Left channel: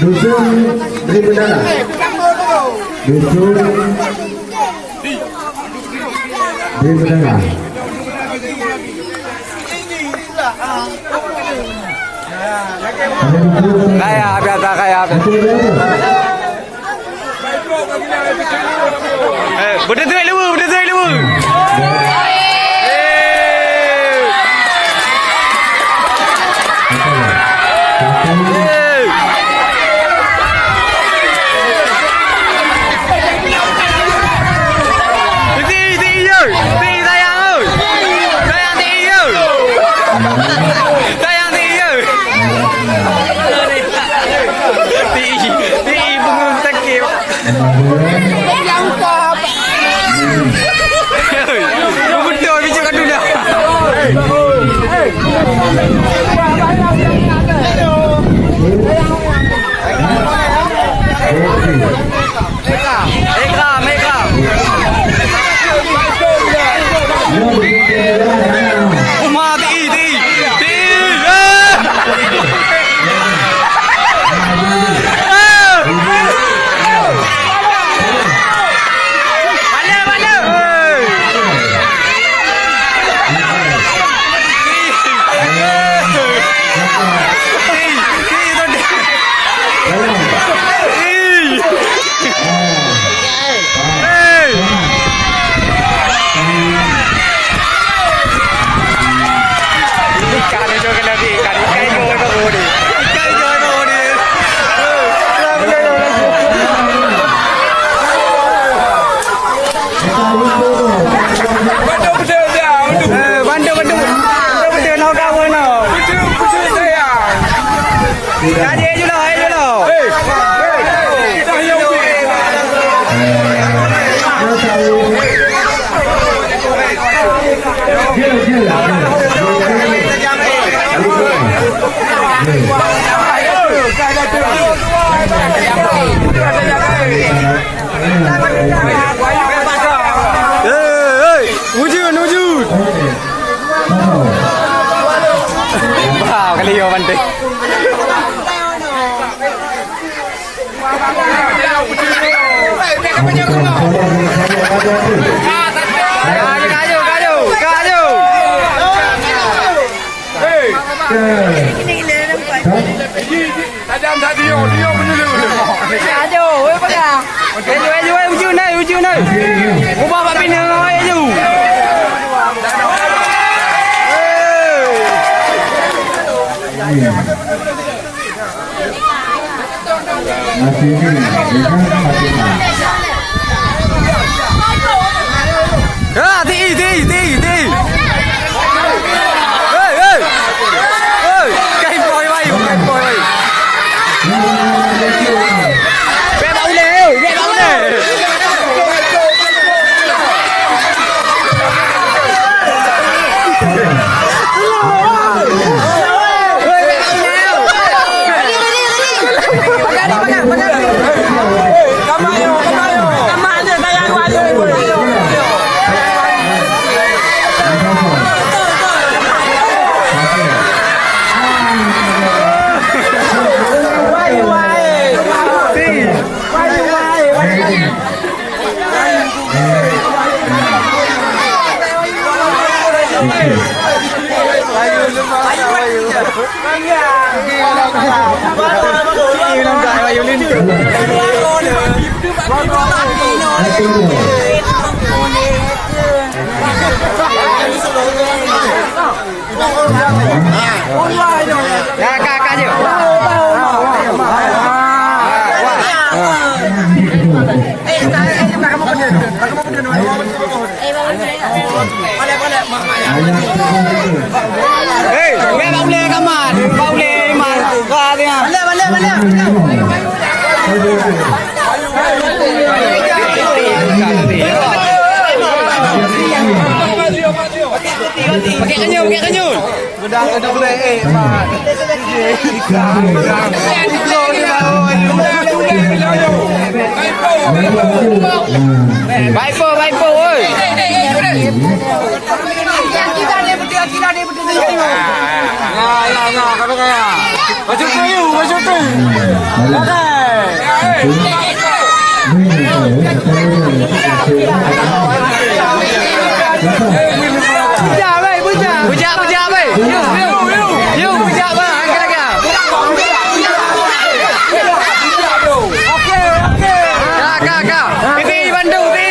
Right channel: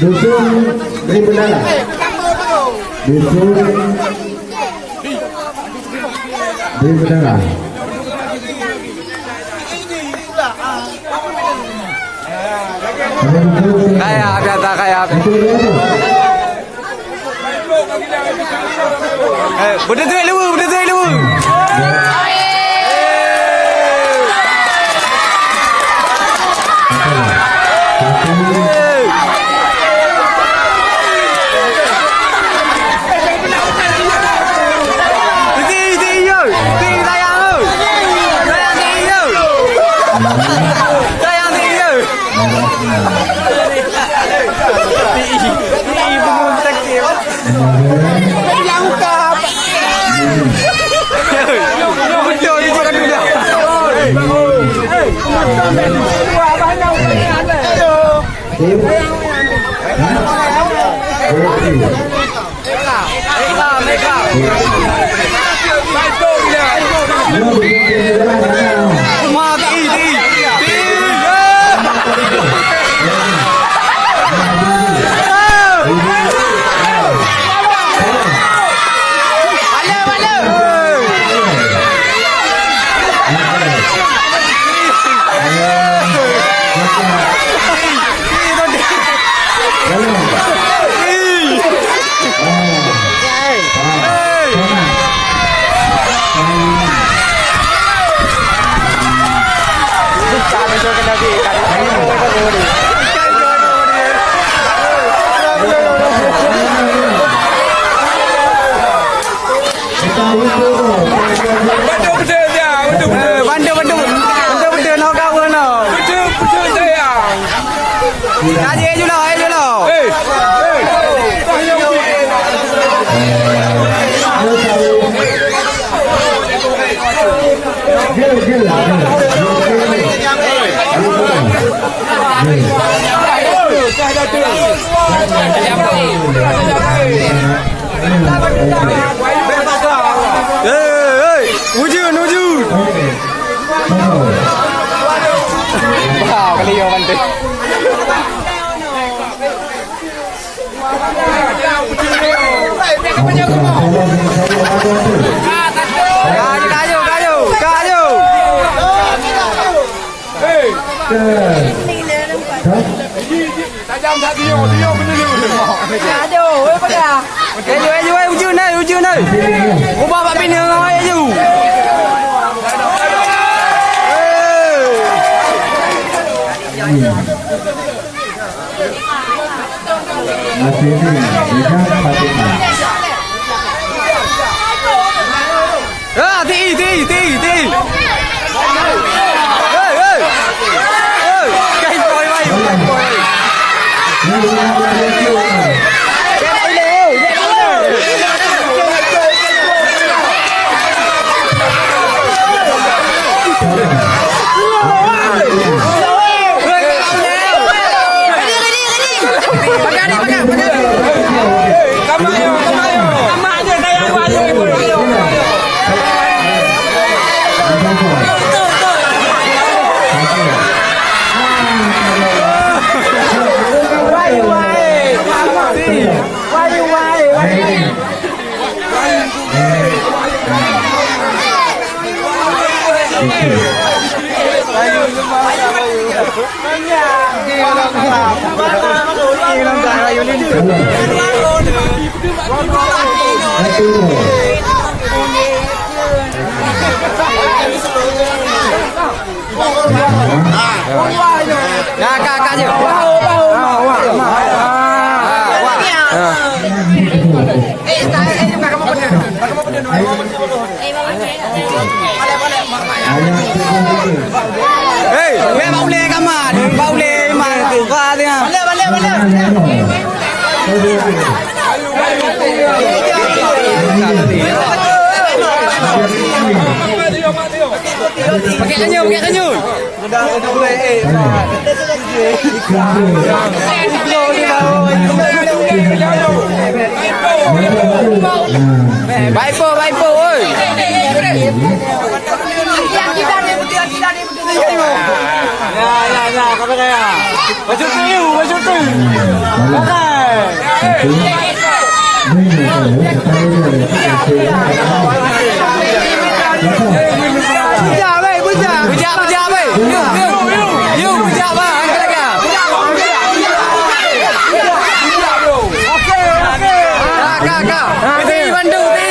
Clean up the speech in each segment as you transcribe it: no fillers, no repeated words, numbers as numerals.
Dusun beri bendera. Dusun beri bendera. Kaya biasa kaya. Benda tu lu, benda tu lu. Wujud. Wow, kali yo bante. Kayu. Tajam tak dia benda tu. Aduh, ujung ni. Ubah pak bina ai aju. Masih ini, dengan Fatimah. Baik po, oi. Yang kita ni putih Gila dia betul ni. Ya, kata kaya. Baju tu. Bujak weh. You bujak bah. Angkat lagi. Okey. Kak. Ini bantu ni.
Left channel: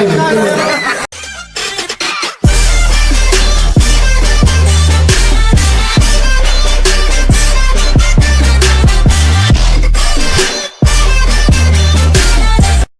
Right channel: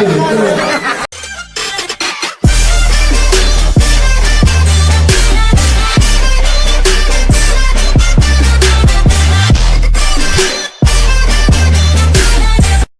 Betul,